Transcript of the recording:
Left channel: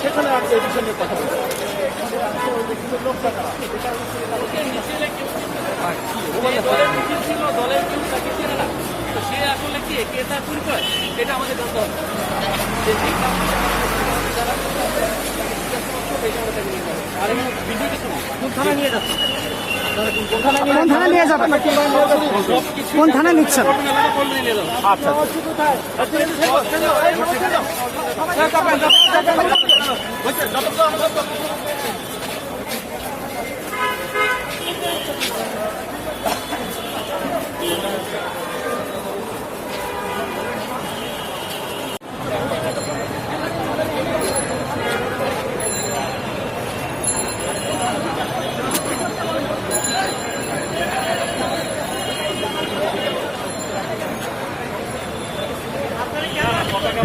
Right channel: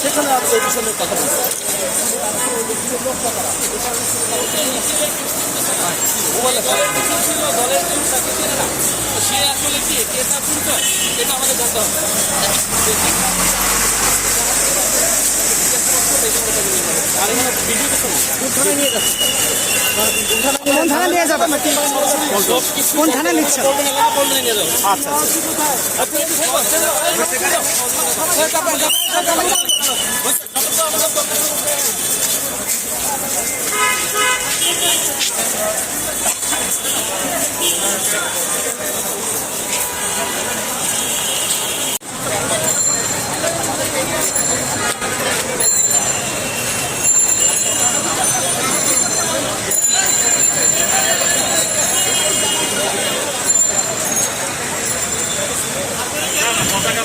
সেখানে এই বিষয়ে কথা লোকটা তারা দলের দলের কেউ তাকে চেনে না। তো সে আসলে কি কে তার পরিচয় এটা আমাদের জানতে হবে। আর এখানে ভিডিও কিছু কোন থানায় নিয়ে যাচ্ছে? কোন থানা নিয়ে যাবেন কোন থানা নিচ্ছেন? আচ্ছা পতাকা